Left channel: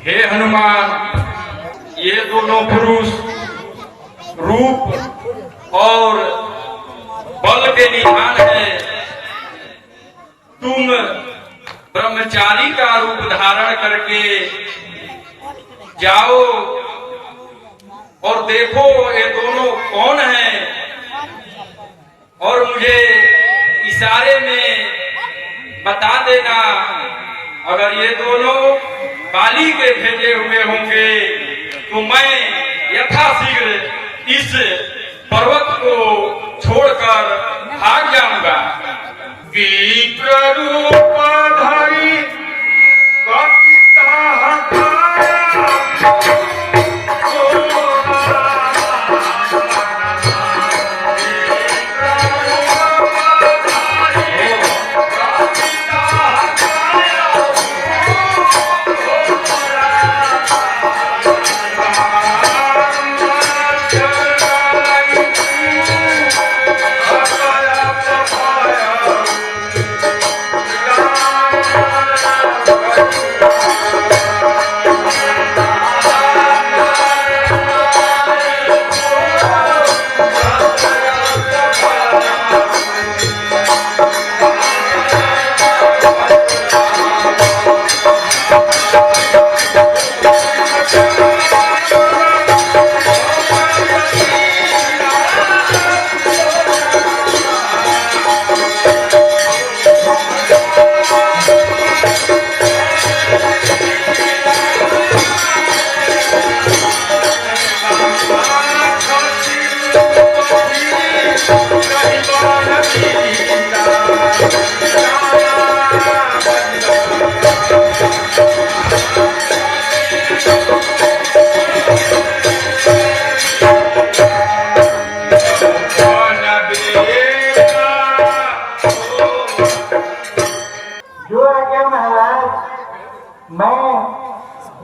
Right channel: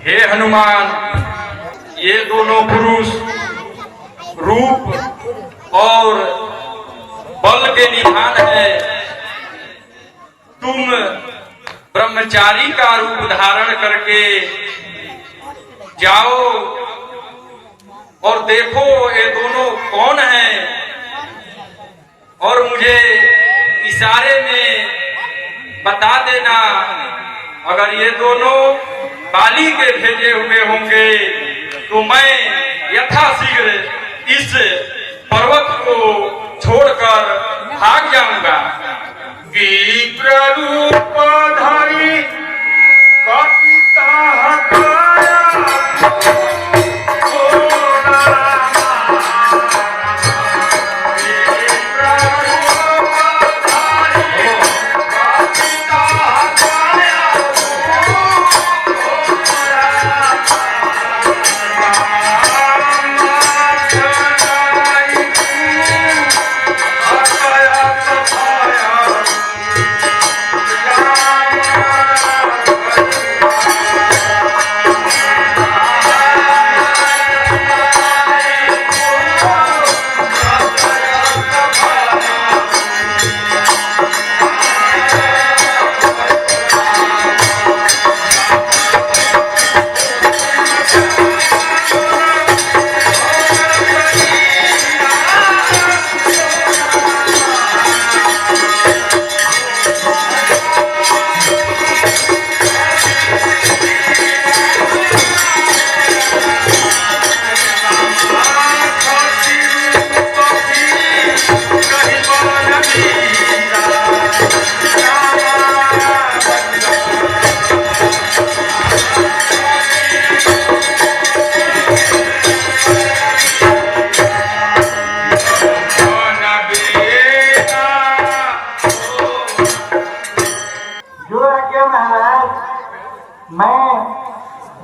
हे हनुमान, ये दोनों पुरुष रूप और बल के निधान है। तुम ब्रह्मचारी का रूप धारण करके जाओ और देखो ये दोनों कौन हैं, और मुझे इशारे में बता देना। अगर ये दोनों काली के भेजे हुए होंगे तो मैं यथाशीघ्र इस पर्वत को छोड़कर भाग जाऊंगा। विप्र रूप धरि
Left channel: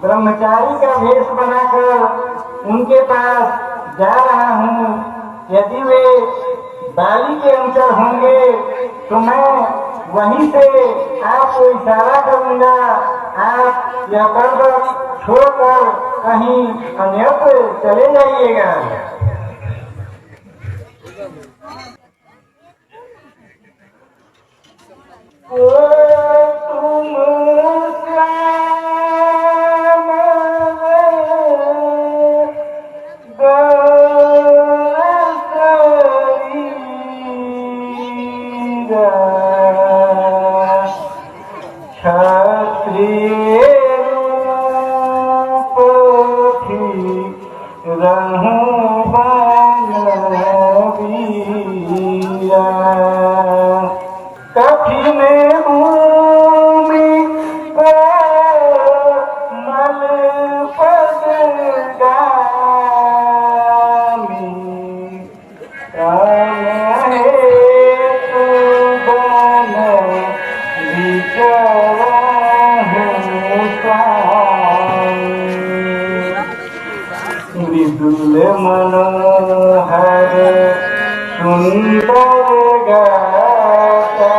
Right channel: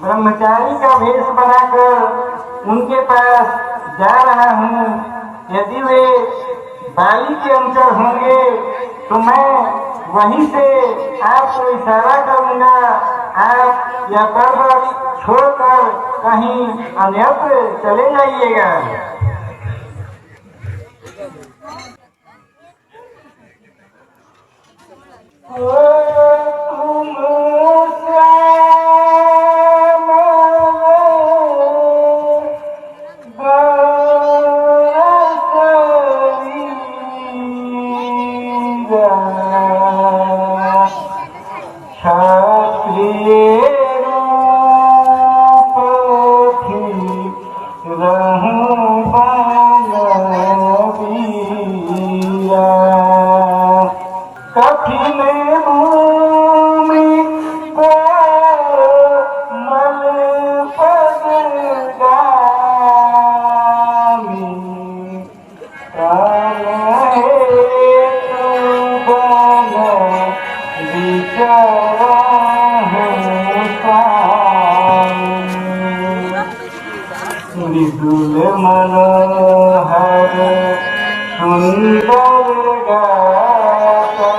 ब्रह्मचारी का वेश बनाकर उनके पास जा रहा हूँ। यदि वे बाली के अंचल होंगे तो मैं वहीं से आपको इशारा करूंगा। आप यह पर्वत छोड़कर कहीं अन्यत्र चले जाइएगा। मनोहर सुंदर गाता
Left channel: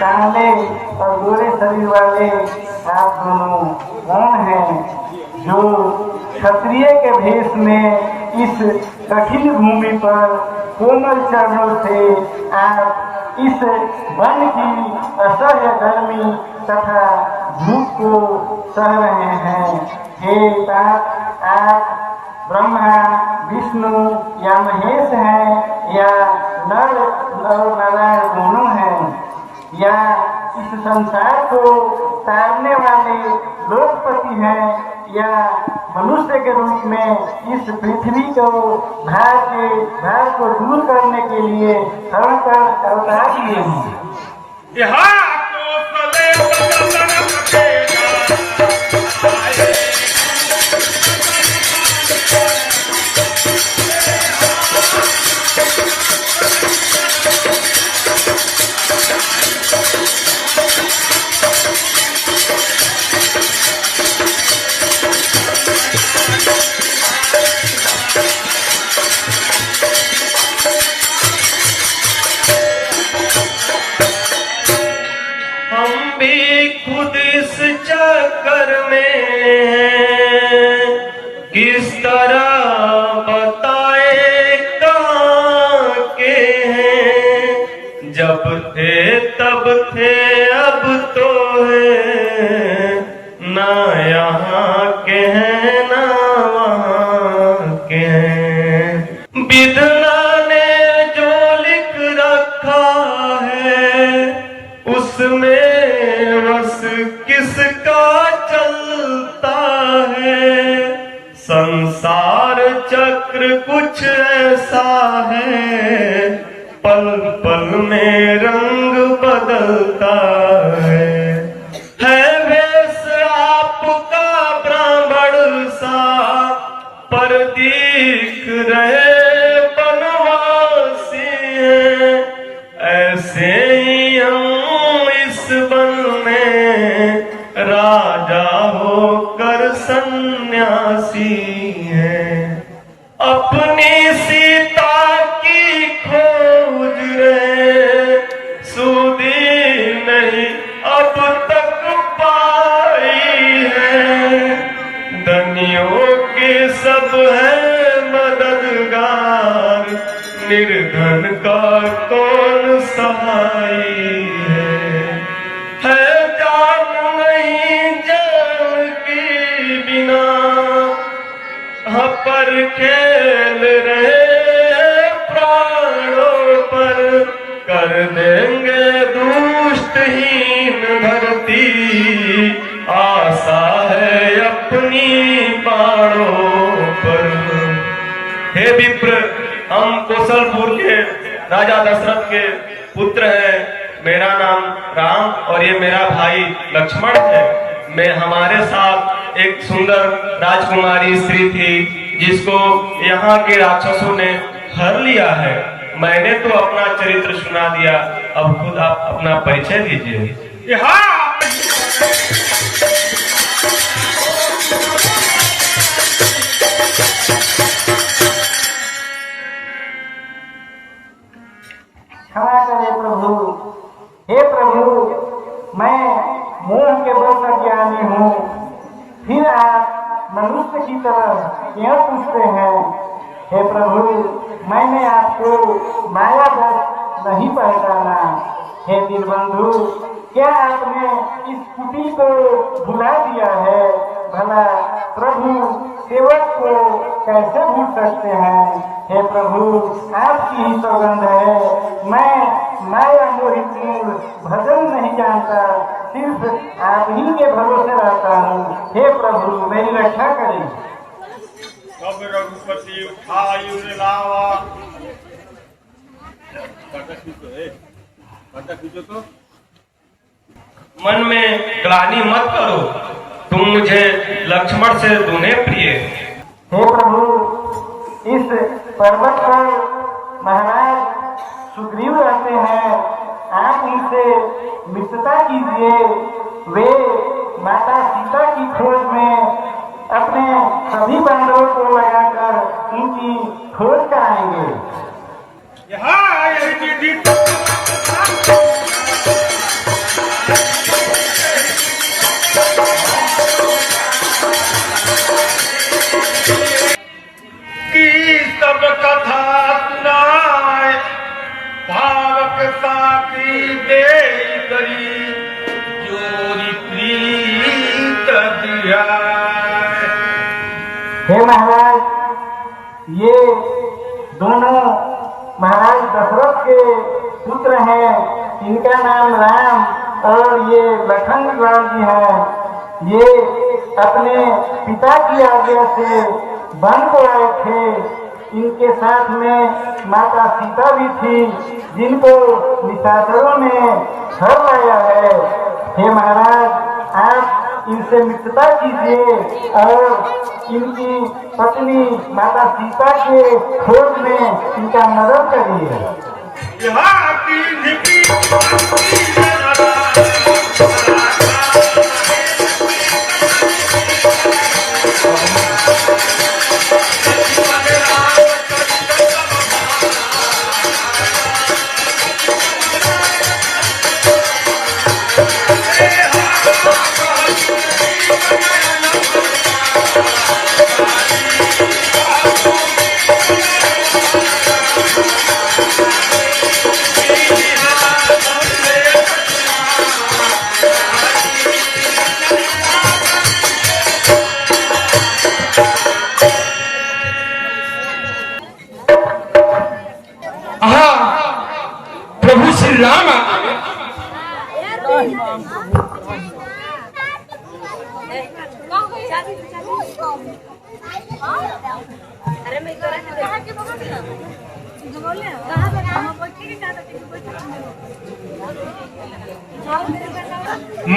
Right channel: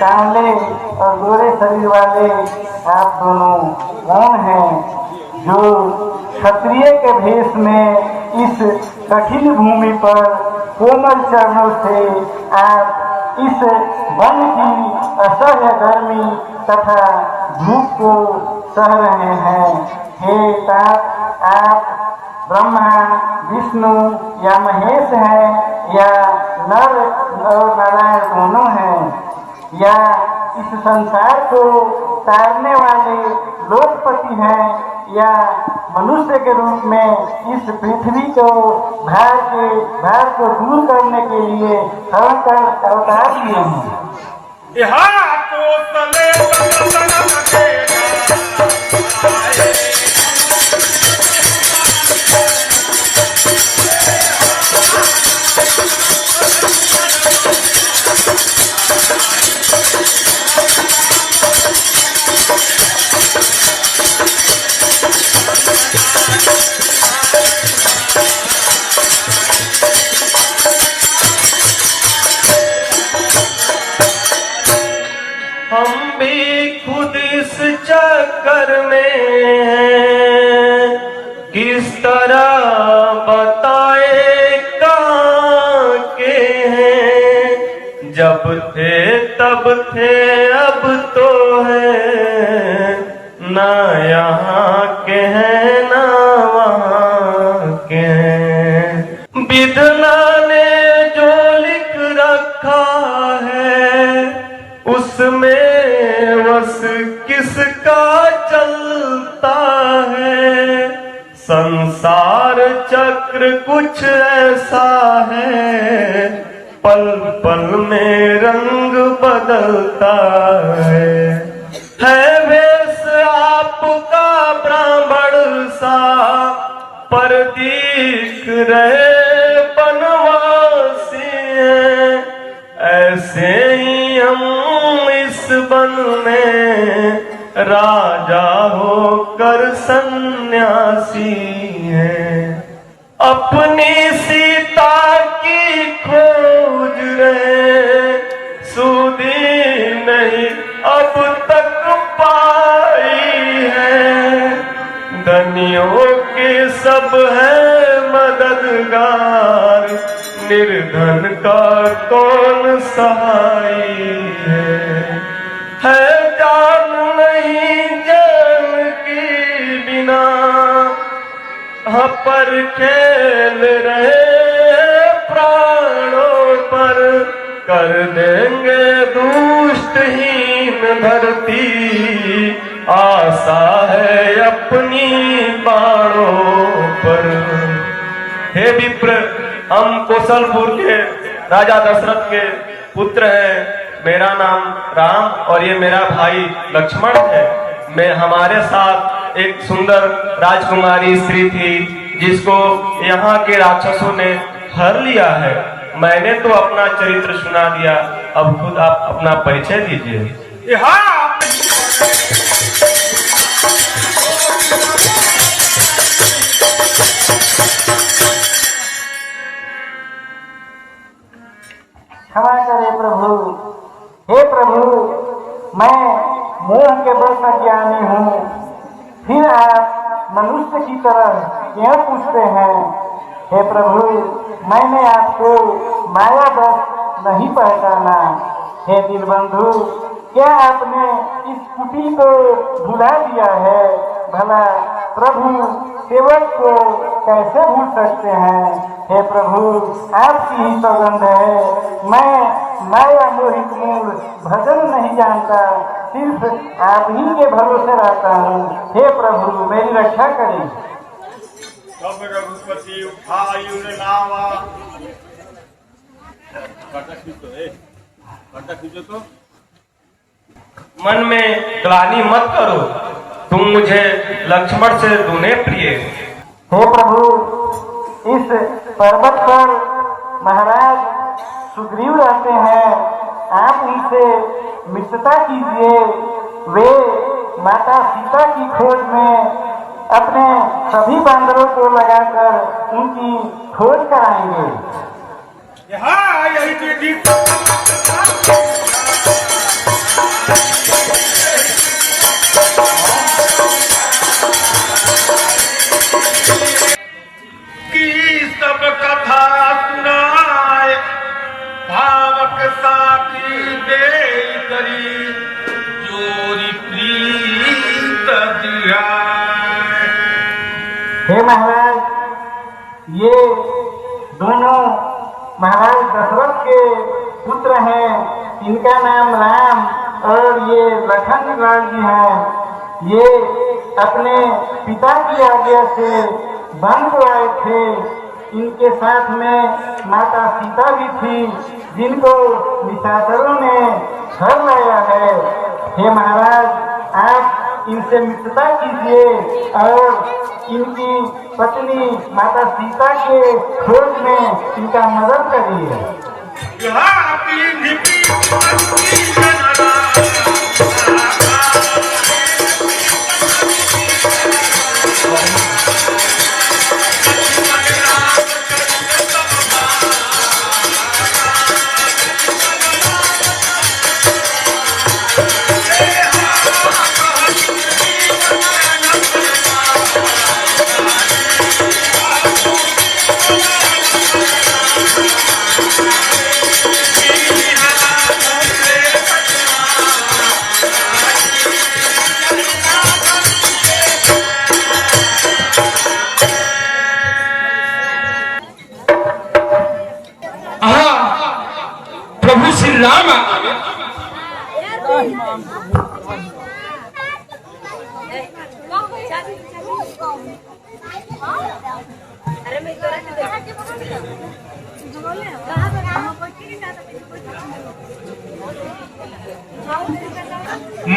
काले और गोरे शरीर वाले आप दोनों कौन हैं जो क्षत्रिय के भेष में इस कठिन भूमि पर कोमल चरणों से आप इस वन की असह्य गर्मी तथा धूप को सह रहे हैं। हे तात, आप ब्रह्मा विष्णु या महेश हैं या नर और नारायण दोनों हैं या इस संसार को तारने वाले लोकपति हैं या मनुष्य के रूप में इस पृथ्वी को भार को दूर करने के लिए हरण कर अवतार लिए हैं। चक्कर में किस तरह बताए कहाँ के हैं, जब थे तब थे अब तो है ना यहाँ के हैं ना वहाँ के हैं। विधना ने जो लिख रखा है उसमें बस किसका चलता है, संसार चक्र कुछ ऐसा है पल पल में रंग बदलता है वेश आपका ब्राह्मण सा पर दिख रहे बनवासी हैं, ऐसे ही हम इस वन में राजा होकर सन्यासी हैं। अपनी सीता की खोज रहे सुधी नहीं अब तक पाई है, धनियों के सब है मददगार निर्धन का कौन सहाई है जान नहीं जान की बिना पर खेल रहे प्राणों पर, कर देंगे दुष्टहीन धरती आशा है अपनी बाणों पर। हे विप्र, हम कौशलपुर के राजा दशरथ के पुत्र हैं, मेरा नाम राम और ये मेरा भाई लक्ष्मण है। मैं हमारे साथ एक सुंदर राजकुमारी स्त्री थी जिसको यहाँ के राक्षसों ने हर लिया है। मैंने तो अपना चरित्र सुना दिया, अब खुद आप अपना परिचय दीजिए। क्षमा करे प्रभु। हे प्रभु, मैं मोह के बल पर ज्ञानी हूँ, मनुष्य की तरह क्यों पूछते हैं? हे प्रभु, मैंने आपको मायावश नहीं पहचाना। हे दीनबंधु, क्या आपने इस कुटी को भुला दिया है? भला प्रभु सेवक को कैसे भूल सकते हैं? हे प्रभु, आपकी ही सौगंध है, मैं माया मोहित मूल भजन नहीं जानता, सिर्फ आप ही के भरोसे रहता हूँ। हे प्रभु, मेरी रक्षा करें। अब रघुपति उठायुर लावा। तो मन में ग्लानि मत करो, तुम मुझे लक्ष्मण से दूने प्रिय। हे प्रभु, इस पर्वत पर महाराज सुग्रीव रहते हैं, आप उनसे मित्रता कीजिए। वे माता सीता की खोज में अपने सभी बंदरों को लगाकर उनकी खोज कराएंगे। की सब कथा सुनाए, भावक साथी दे करी, जोरी प्रीत दिया। हे महाराज, ये दोनों महाराज दशरथ के पुत्र हैं। इनका नाम राम और ये लखन लाल जी हैं। ये अपने पिता की आज्ञा से वन को आए थे। इनके साथ में माता सीता भी थी, जिनको निशाचरों ने घर लाया है। हे महाराज, आप इनसे मित्रता कीजिए और इनकी पत्नी माता सीता के खोज में इनका मदद करिए। प्रभु श्री राम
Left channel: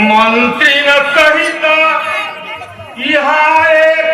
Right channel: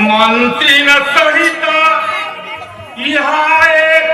मंत्री न सहित यहाँ एक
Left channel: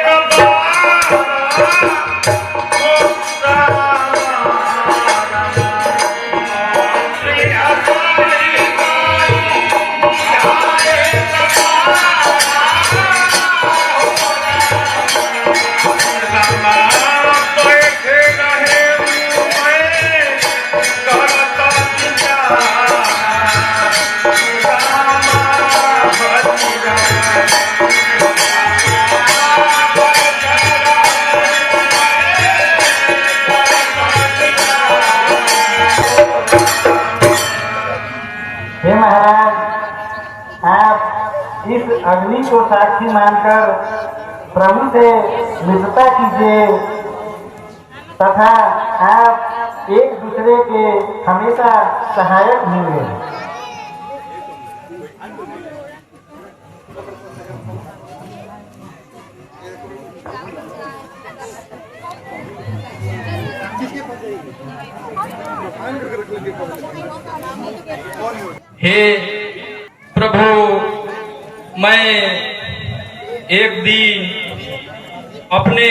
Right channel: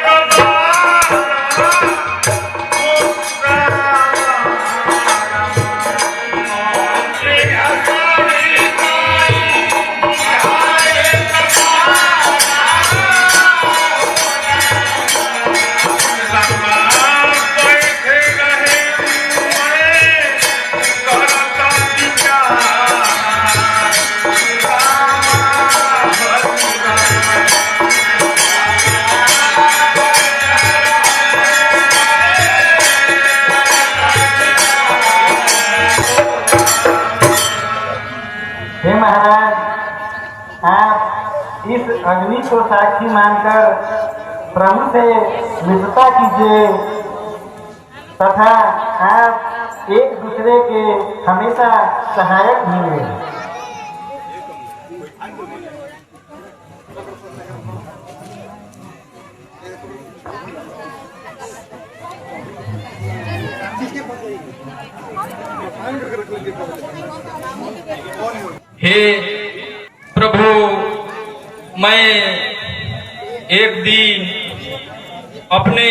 हे महाराज, आप इस अग्नि को साक्षी मानकर प्रभु से मित्रता कीजिए तथा आप एक दूसरे के हमेशा सहायक होंगे। हे प्रभु, मैं एक दिन अपने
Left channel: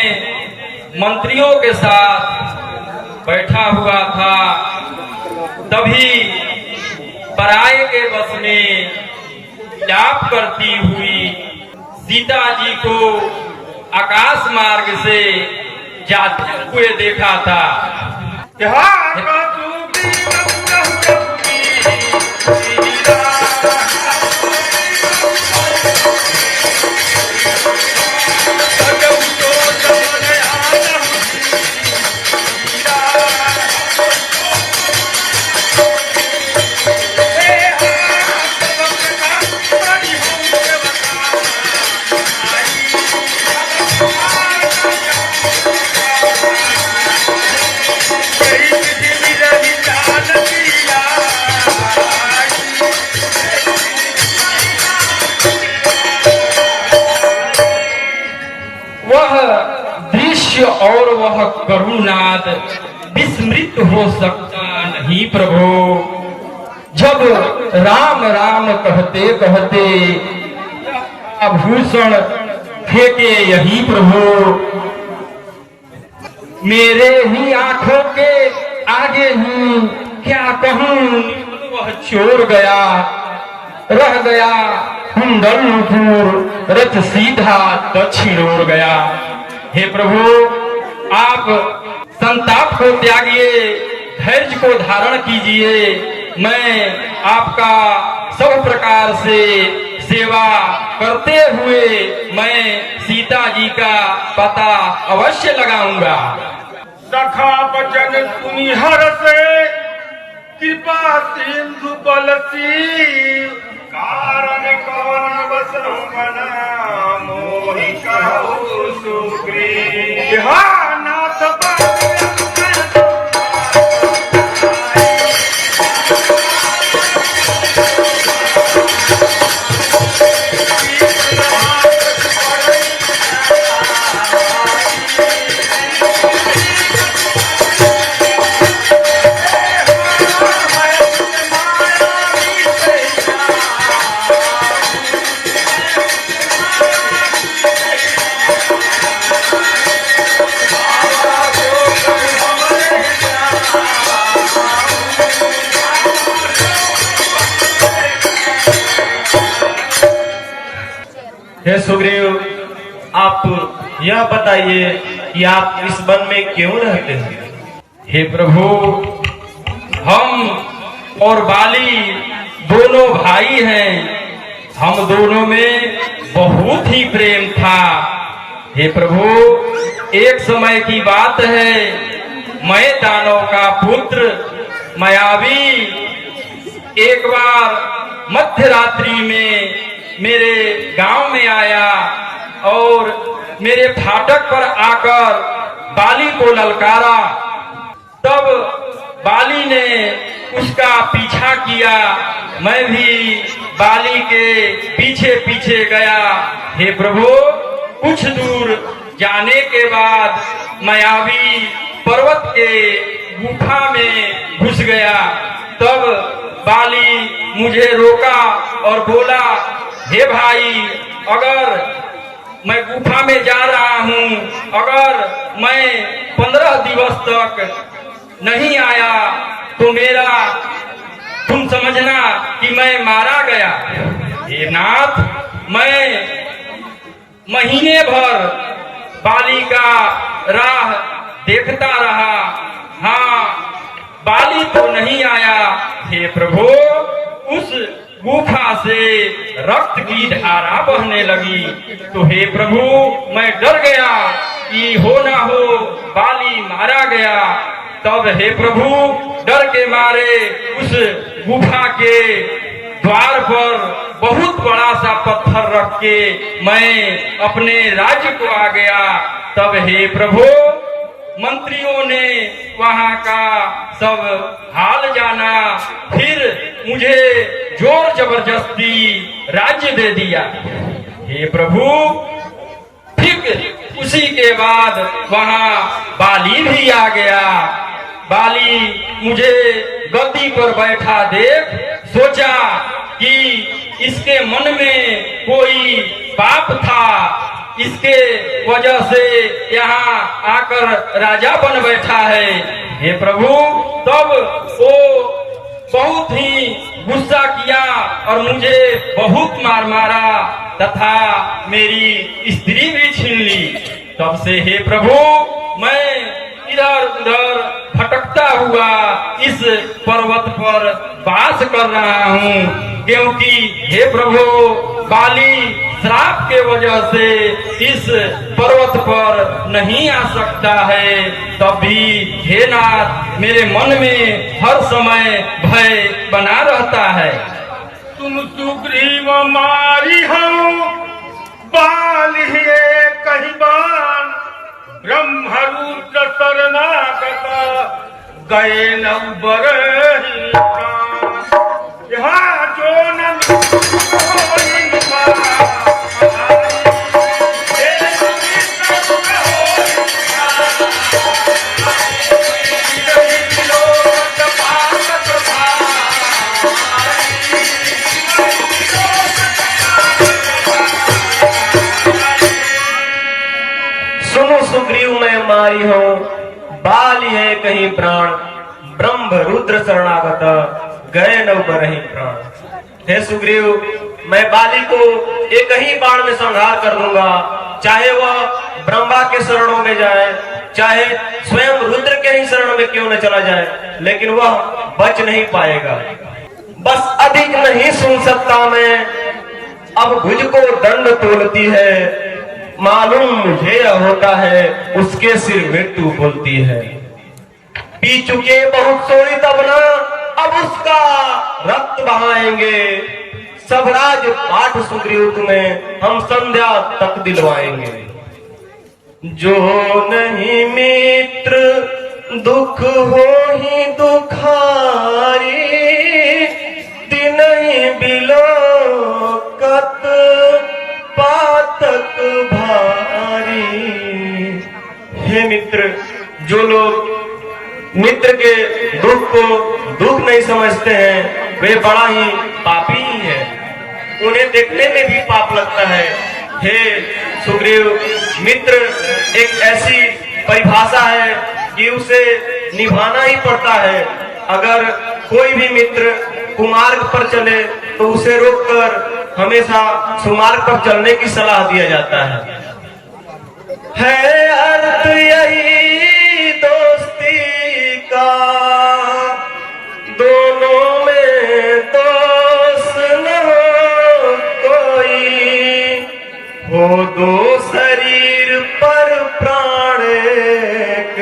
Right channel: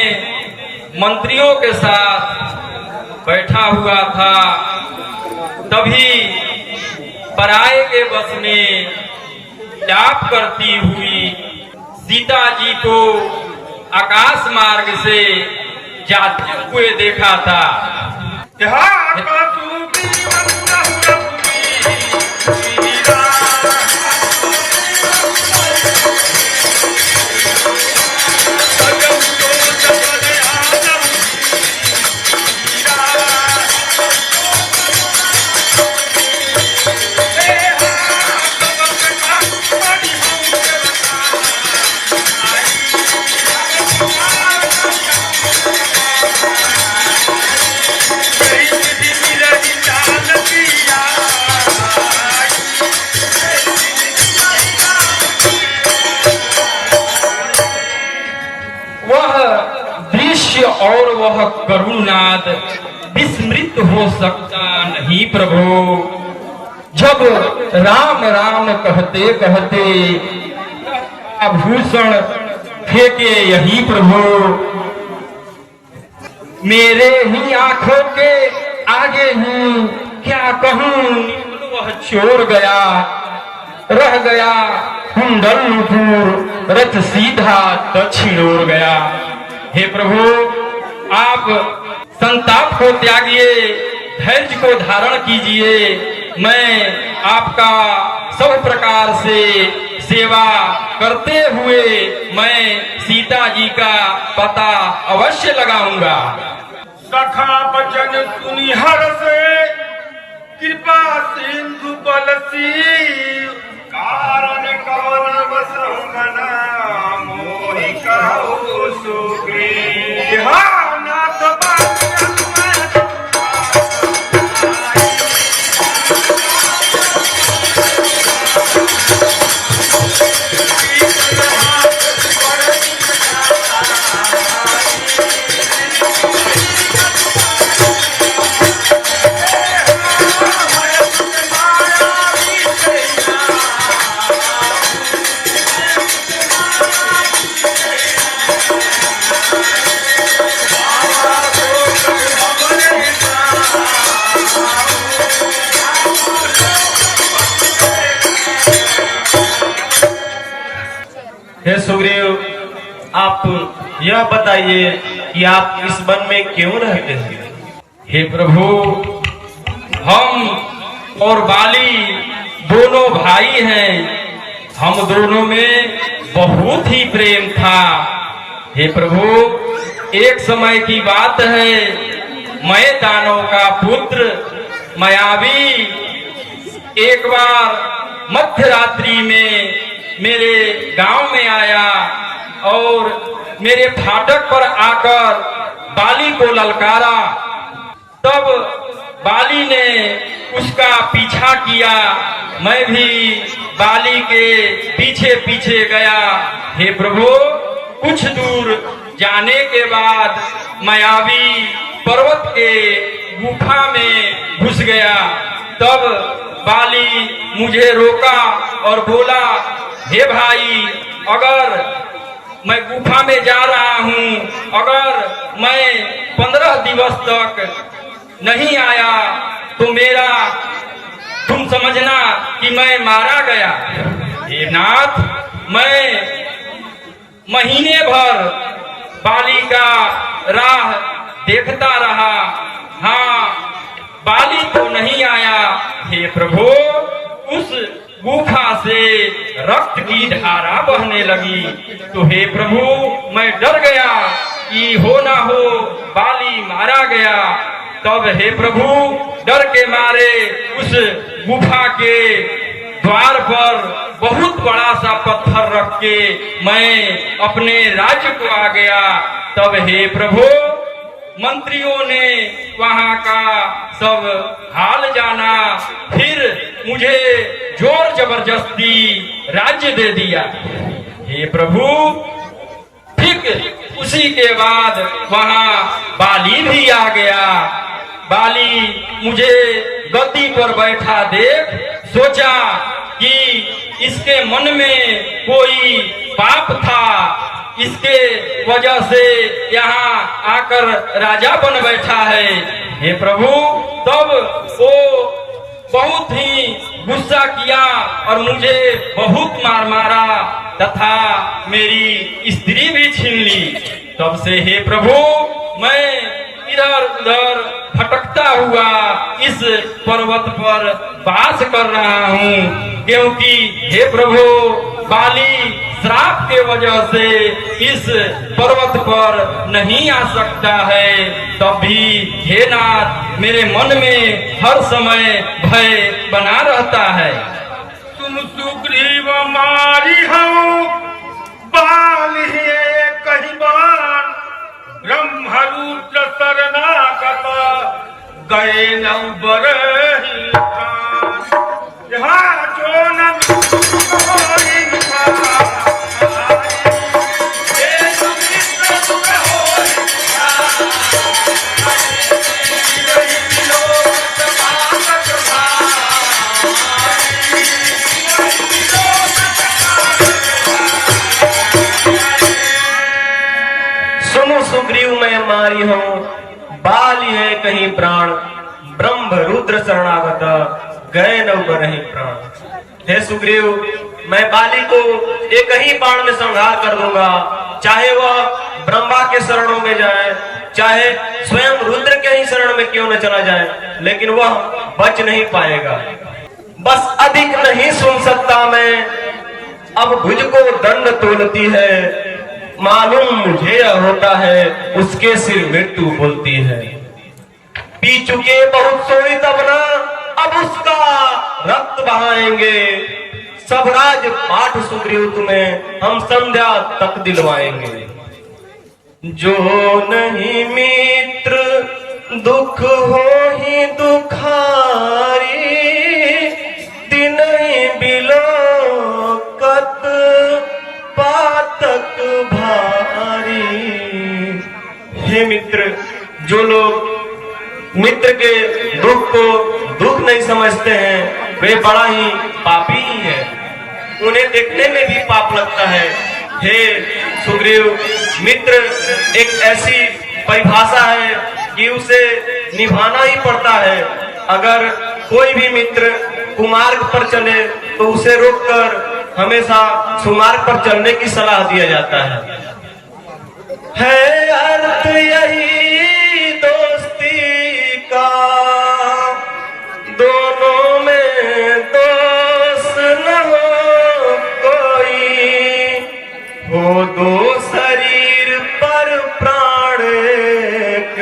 मंत्रियों के साथ बैठा हुआ था, तभी पराये के बस में जाप करती हुई सीता जी को आकाश मार्ग से जाते हुए देखा था। वह दृश्य और वह करुणानाद विस्मृत हो सकता नहीं प्रभु। जब राम राम कहते कहते आभूषण फेंके यही प्रभु, मेरे ही आंखों के आगे ही क्या कहूं, वह चोर गया, रह गया कुंडलपुर, रथ सीधा दक्षिण ओर गया। हे प्रभु, आप संताप को त्यागिए, धैर्य को धारण कीजिए। मैं आपका सब प्रकार से सेवा करते हुए मैं सीता जी का पता अवश्य लगाऊंगा। सखा बचन सुनि हर्ष, कृपा सिंधु बलसी, कारण कवन बसहु मना, मोहि कहु सुग्रीव। नाथ हे सुग्रीव, आप यह बताइए कि आप इस वन में क्यों रहते हैं? हे प्रभु, हम और बाली दोनों भाई हैं, हम दोनों में बहुत ही प्रेम था। हे प्रभु, एक समय की बात है, मैं दानव का पुत्र मायावी एक बार मध्य रात्रि में मेरे गांव में आया और मेरे फाटक पर आकर बाली को ललकारा। तब बाली ने उसका पीछा किया, मैं भी बाली के पीछे पीछे गया। हे प्रभु, कुछ दूर जाने के बाद मायावी पर्वत के गुफा में घुस गया। तब बाली मुझे रोका और बोला, हे भाई, अगर मैं गुफा में जा रहा हूँ, अगर मैं 15 दिवस तक नहीं आया तो मेरा तुम समझना कि मैं मारा गया। हे नाथ, मैं महीने भर बाली का राह देखता रहा, हाँ, बाली तो नहीं आया। हे प्रभु, उस गुफा से रक्त की धारा बहने लगी। तो हे प्रभु, मैं डर गया कि हो ना हो बाली मारा गया। तब हे प्रभु, डर के मारे उस गुफा के द्वार पर बहुत बड़ा सा पत्थर रख के मैं अपने राज्य को आ गया। तब हे प्रभु, मंत्रियों ने वहां का सब हाल जाना, फिर मुझे जोर जबरदस्ती राज्य दे दिया। हे प्रभु, ठीक उसी के बाद वहां बाली भी आ गया। बाली मुझे गद्दी पर बैठा देख सोचा कि इसके मन में कोई पाप था, इसके वजह से यहाँ आकर राजा बन बैठा है। हे प्रभु, तब वो बहुत ही गुस्सा किया और मुझे बहुत मार मारा तथा मेरी स्त्री भी छीन ली। तब से हे प्रभु, मैं इधर उधर भटकता हुआ इस पर्वत पर वास कर रहा हूँ, क्योंकि हे प्रभु, बाली श्राप के वजह से इस पर्वत पर नहीं आ सकता है। तब भी हे नाथ, मेरे मन में हर समय भय बना रहता है। तुम सुग्रीव मारी हो बाली कहीं बान, ब्रह्मरुद्र शरणागत गए नौबर यहाँ जो न मिले सुनो सुग्रीव मैं मारी हूं, बाली है कहीं प्राण, ब्रह्म रुद्र शरणागत, गए न नहीं प्राण। हे सुग्रीव, मैं बाली को एक ही बाण में संहार कर दूंगा, चाहे वह ब्रह्मा के शरणों में जाए, चाहे स्वयं रुद्र के ही शरण में क्यों न चला जाए, लेकिन वह बच नहीं पाएगा। बस अधिक नहीं सुन सकता मैं, अब भुज को दंड तोलती है, मालूम मुझे यह होता है उसके सिर मृत्यु बोलती है। पी चुके बहुत सोई तब ना, अब उसका रक्त बहाएंगे, सब राज पाठ सुग्रीव तुम्हें हम संध्या तक दिलवाएंगे। जो नहीं मित्र दुख हो ही दुखारी, दिन ही बिलोकत पातक भारी। हे मित्र, जो लोग मित्र के दुख को दुख नहीं समझते हैं, वे बड़ा ही पापी ही है, उन्हें देखने में भी पाप लगता है। हे सुग्रीव, मित्र एक ऐसी परिभाषा है कि उसे निभाना ही पड़ता है। अगर कोई भी मित्र कुमार्ग पर चले तो उसे रोककर हमेशा सुमार्ग पर चलने की सलाह दिया जाता है अर्थ यही दोस्ती का, दोनों में दोस्त न हो कोई, हो दो शरीर पर प्राण एक,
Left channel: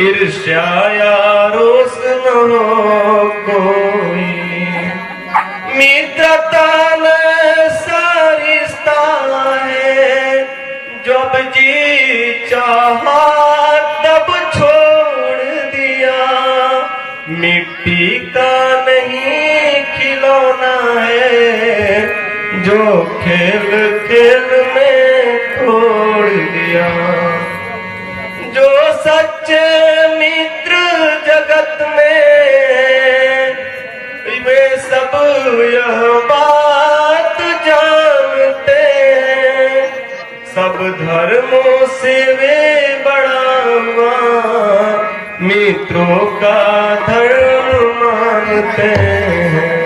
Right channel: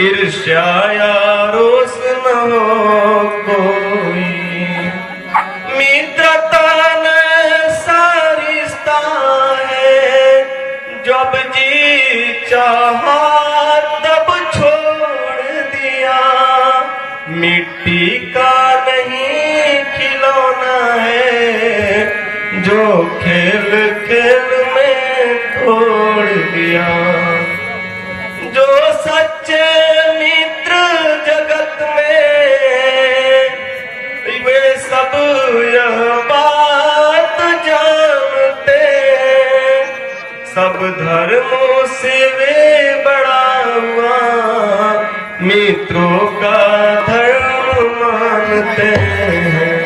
ईर्ष्या या रोष न हो कोई। मित्रता न सारिस्ता है, जब जी चाहा तब छोड़ दिया, मिट्टी का नहीं खिलौना है, जो खेल खेल में तोड़ दिया। जो सच्चे मित्र जगत में, वे सब यह बात जानते हैं, सब धर्मों से वे बड़ा हुआ, मित्रों का धर्म मानते हैं।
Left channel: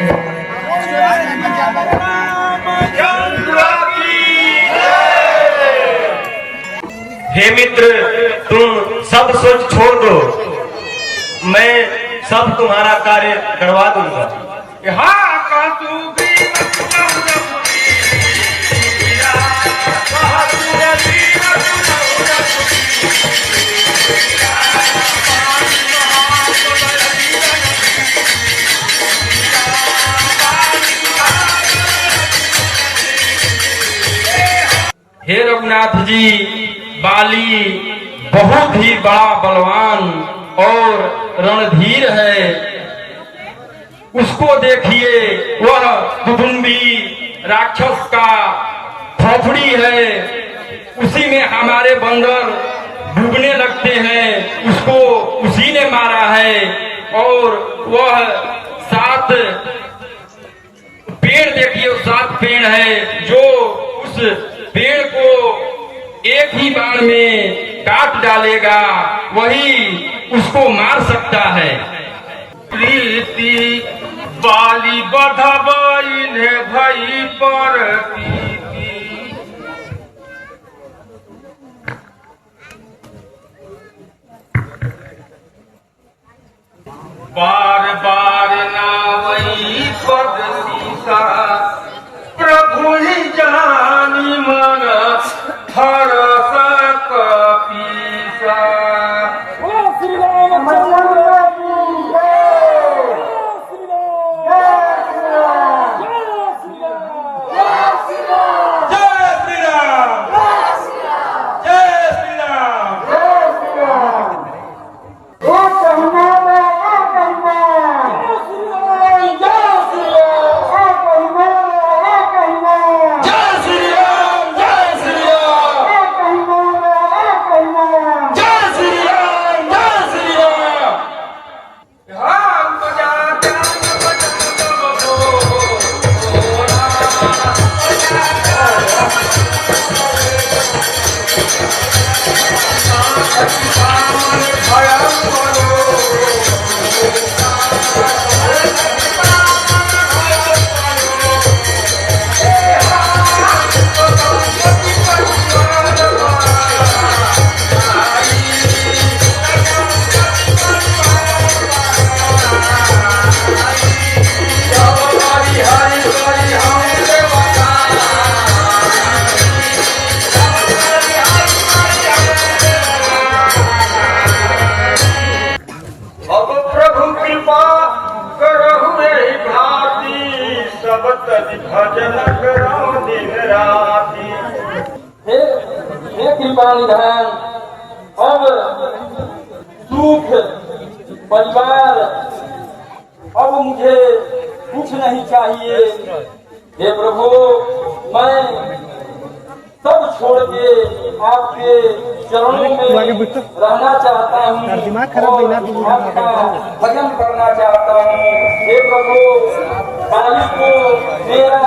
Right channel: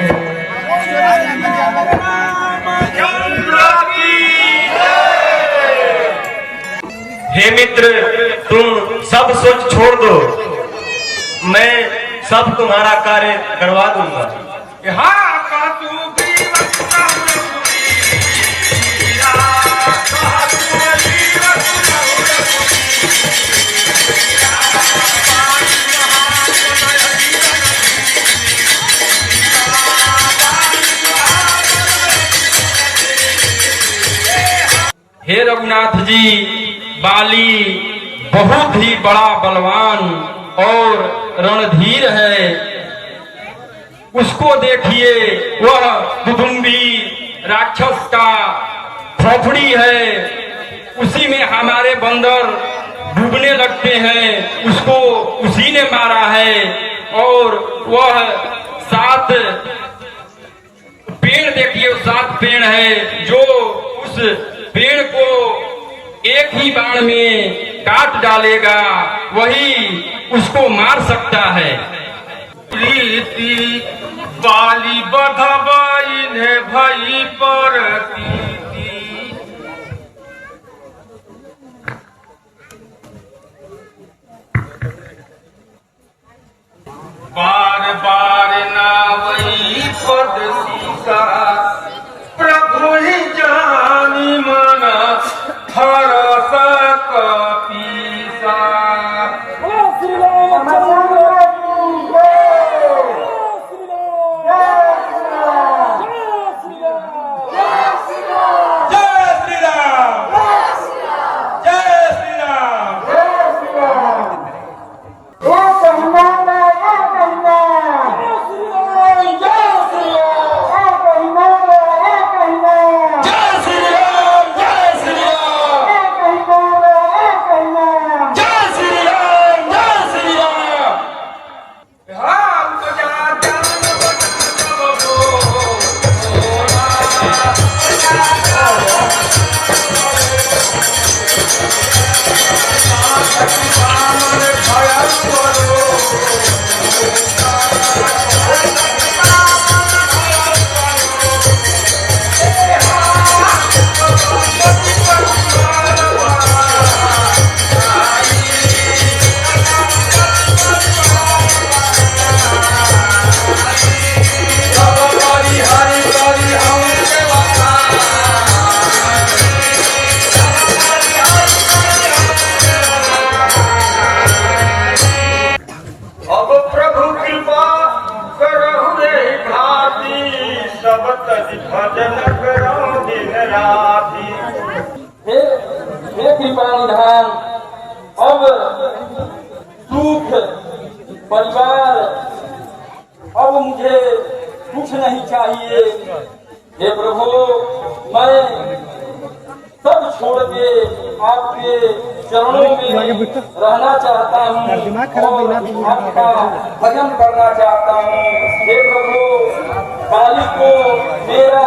हे मित्र, तुम सब सोच छोड़ दो, मैं सब तुम्हारा कार्य करवा दूंगा। हे रघुनाथ जी, बाली बहुत ही बड़ा बलवान और रणधीर है। उसको देखिए, वह कुटुंबी राक्षस का खोपड़ी है, उसी में हमारे बंदर डूबने लगते हैं, उसको उसी ने मारा है। और वह 7 पेड़ देखिए, 7 पेड़ है, जो उस पेड़ को एक ही बाण में काट डालेगा, वही उसको मार सकता है। प्रीति बाली बधबाई ने भई पर प्रीति, बार बार नावई पद सीता, प्रभु ही जानी मन हरस कपीसा। परिधान, अब सुख परिवार, अब मुझे कुछ नहीं चाहिए। हे प्रभु, मैं सब छोड़ के आपके चरणों में रहना चाहता हूँ और आपका भजन करना चाहता हूँ। हे प्रभु, बाली को मेरा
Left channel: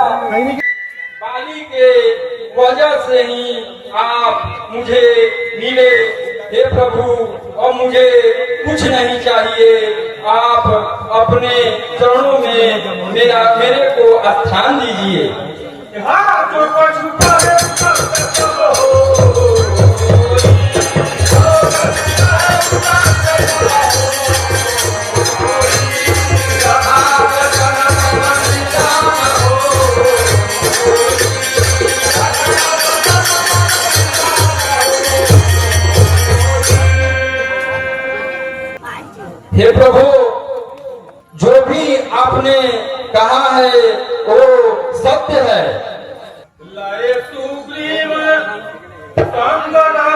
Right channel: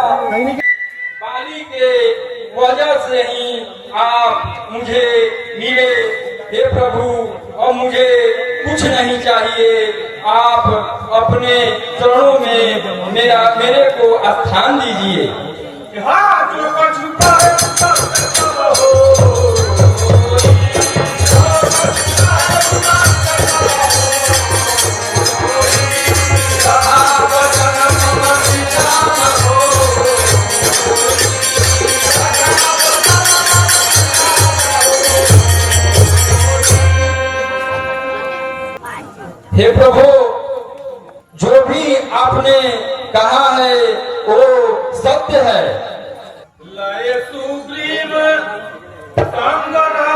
बाली के वजह से ही आप मुझे मिले। हे प्रभु, और मुझे कुछ नहीं चाहिए। आप अपने चरणों में मेरे को स्थान दीजिए। हाथों को छुपा है हे प्रभु, जो भी आपने कहा है वो सत्य है। लय सुग्रीव कंगना